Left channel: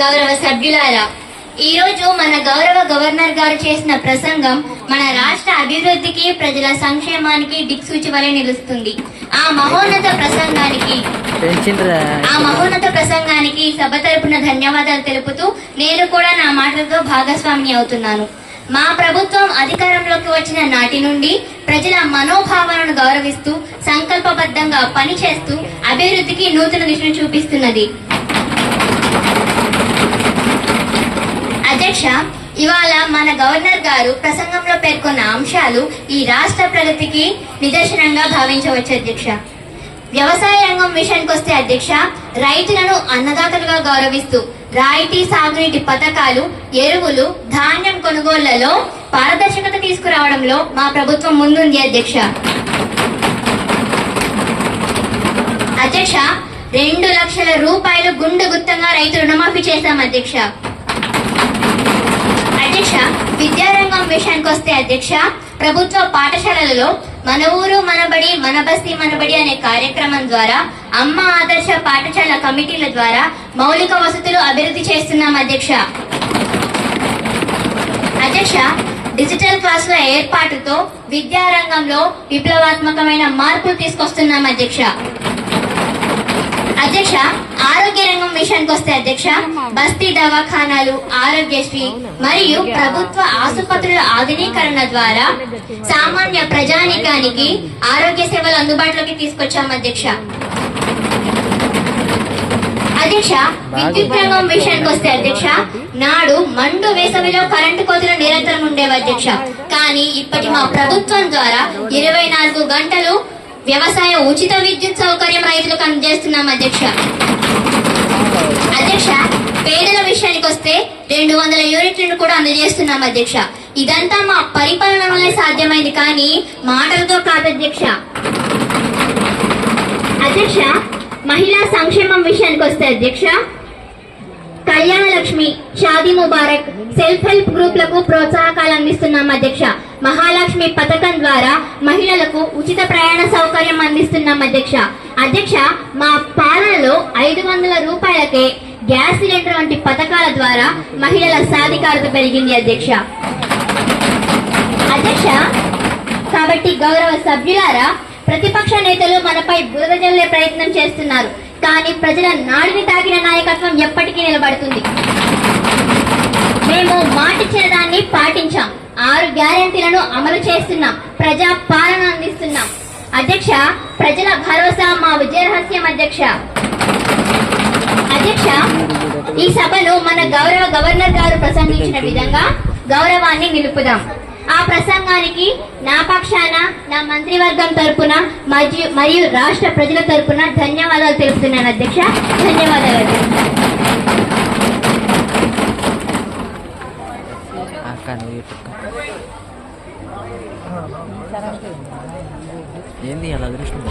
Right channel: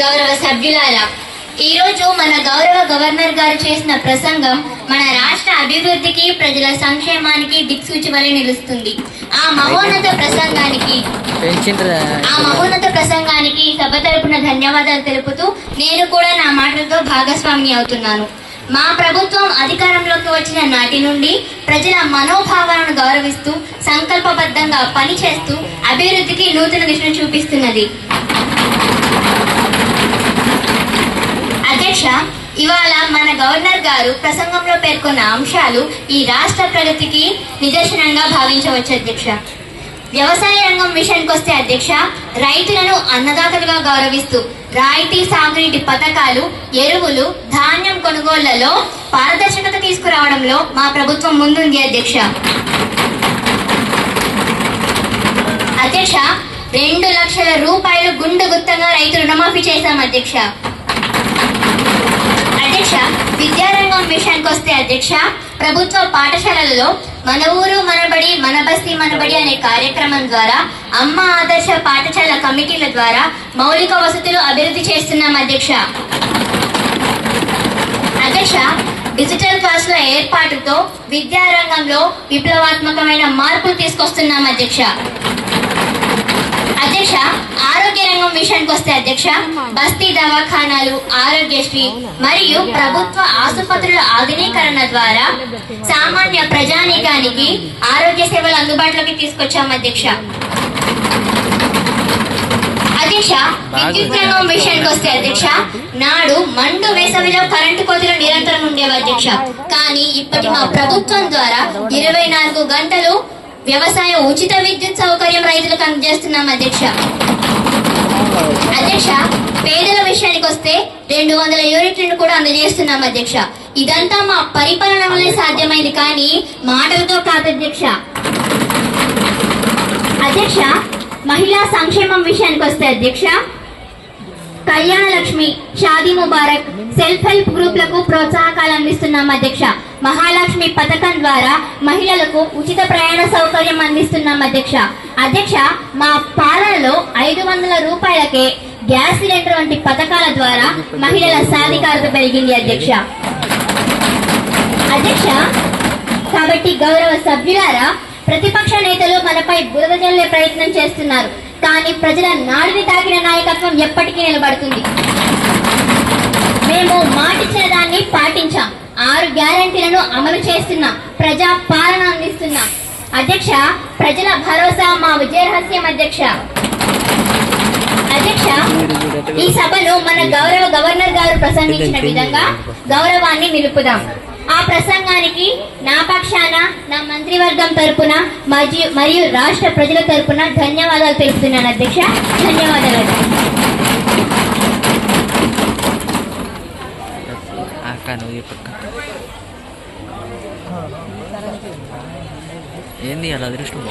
గౌరవ సభ్యులారా, ఈరోజు మన గౌరవ గవర్నర్ గారు చేసిన ప్రసంగం మన రాష్ట్ర అభివృద్ధికి, ప్రజల సంక్షేమానికి దిక్సూచి వలె నిలుస్తుంది. ఆ మహోన్నత ప్రసంగానికి సభ తరపున ధన్యవాదాలు తెలుపుతూ నేను కూడా నా మాటలతో భాగస్వామిని అవుతున్నాను. మా ప్రభుత్వం అధికారంలోకి వచ్చిన నాటి నుండి ప్రజల మనోభావాలను గౌరవిస్తూ సంకల్పబద్ధంగా పనిచేస్తూ అభివృద్ధికి నూతన దిశను చూపిస్తున్నది. అధ్యక్ష, ఇవాళ మన గవర్నర్ గారు ప్రసంగంలో పేర్కొన్న అంశాలు ఈ రాష్ట్ర ప్రగతికి నిదర్శనంగా భావించవచ్చు. అధ్యక్ష, వ్యవసాయ రంగం విషయానికి వస్తే అధ్యక్ష, రైతులను అన్నదాతలుగా గౌరవిస్తూ రాయితీ సాగునీటి పథకాలు, ఎరువులు, ధాన్యం కొనుగోళ్లలో పారదర్శకత తీసుకురావడంలో మా ప్రభుత్వం ముందుంది. అధ్యక్ష, 2 లక్షల రూపాయలు గుండు గుత్తంగా రైతు రుణమాఫీ చేశాం. అధ్యక్ష, విద్యారంగం విషయానికి వస్తే అధ్యక్ష, ప్రభుత్వ పాఠశాలలలో మన ఊరు మనబడి, మన బస్తీ మనబడి అనే కార్యక్రమం ద్వారా, అమ్మ ఆదర్శ పాఠశాల కమిటీల ద్వారా మౌలిక వసతులు అభివృద్ధి చేస్తున్నాం. అధ్యక్ష, డిజిటల్ క్లాసుల ఏర్పాటుతో విద్యారంగంలో విప్లవాత్మకమైన మార్పులు తీసుకొస్తున్నాం. అధ్యక్ష, ఆరోగ్య రంగం విషయానికి వస్తే అధ్యక్ష, బస్తీ దవాఖానాలు, ఆరోగ్యశ్రీ మరియు ప్రభుత్వ ఆసుపత్రుల ఆధునీకరణ ద్వారా సామాన్య ప్రజానీకానికి ఆరోగ్య సేవలు అందుబాటులోకి తీసుకొచ్చాం. అధ్యక్ష, విద్యుత్ రంగం విషయానికి వస్తే అధ్యక్ష, నాడు మండు వేసవిలో కరెంటు కోతలు నిరంతరం ఉండేవి. అధ్యక్ష, కానీ ఇప్పటి మా ప్రభుత్వం ద్వారా 24 గంటలు వ్యవసాయ ఉచిత విద్యుత్ సౌకర్యం రైతులకు అందజేస్తున్నాం. అధ్యక్ష, పేదల విషయానికి వస్తే 200 యూనిట్లను కూడా అందజేస్తున్నాం. అధ్యక్ష, ఇదంతా మా పరిపాలన వల్లే సాధ్యమైంది, కానీ మాటలతో కాదు. అధ్యక్ష, మహిళా సంక్షేమం విషయానికి వస్తే అధ్యక్ష, కళ్యాణ లక్ష్మి, షాదీ ముబారక్, సెల్ఫ్ హెల్ప్ గ్రూప్లకు ప్రోత్సాహకాలు అందిస్తున్నాం. మహాలక్ష్మి పథకం ద్వారా మహిళలకు ఉచిత ప్రయాణ సౌకర్యం అందిస్తున్నాం. అధ్యక్ష, మా పాలనలో 500 రూపాయలకే గ్యాస్ సిలిండర్ వంటి పథకాల ద్వారా మహిళల సాధికారత పెరిగింది. అధ్యక్ష, కాబట్టి గౌరవ సభ్యులారా, ప్రతిపక్ష నేతలు మనపై బురద జల్లే ప్రయత్నం చేస్తున్నారు, కానీ ప్రజల నాడిని తాకిన నాయకత్వం ఎప్పటికీ నిలబడుతుంది. మేము మాటిచ్చిన దాన్ని పాటించాం, 6 గ్యారెంటీలను అమలు చేస్తున్నాం, ప్రజా పాలన అందిస్తున్నాం. అధ్యక్ష, ప్రజల భరోసా మా విజయ రహస్యం. అధ్యక్ష, ఈ సభను మన గౌరవ గవర్నర్ గారు ప్రసంగించిన విధంగా గౌరవాన్ని నిలుపుదాం. ఆ ప్రసంగానికి నా పక్షాన, నా మంత్రివర్గం తరపున మరియు రాష్ట్ర ప్రజల తరపున ధన్యవాదాలు తెలుపుతున్నాను. అధ్యక్ష, ధన్యవాదాలు. ఏంది అలా అదృష్టం.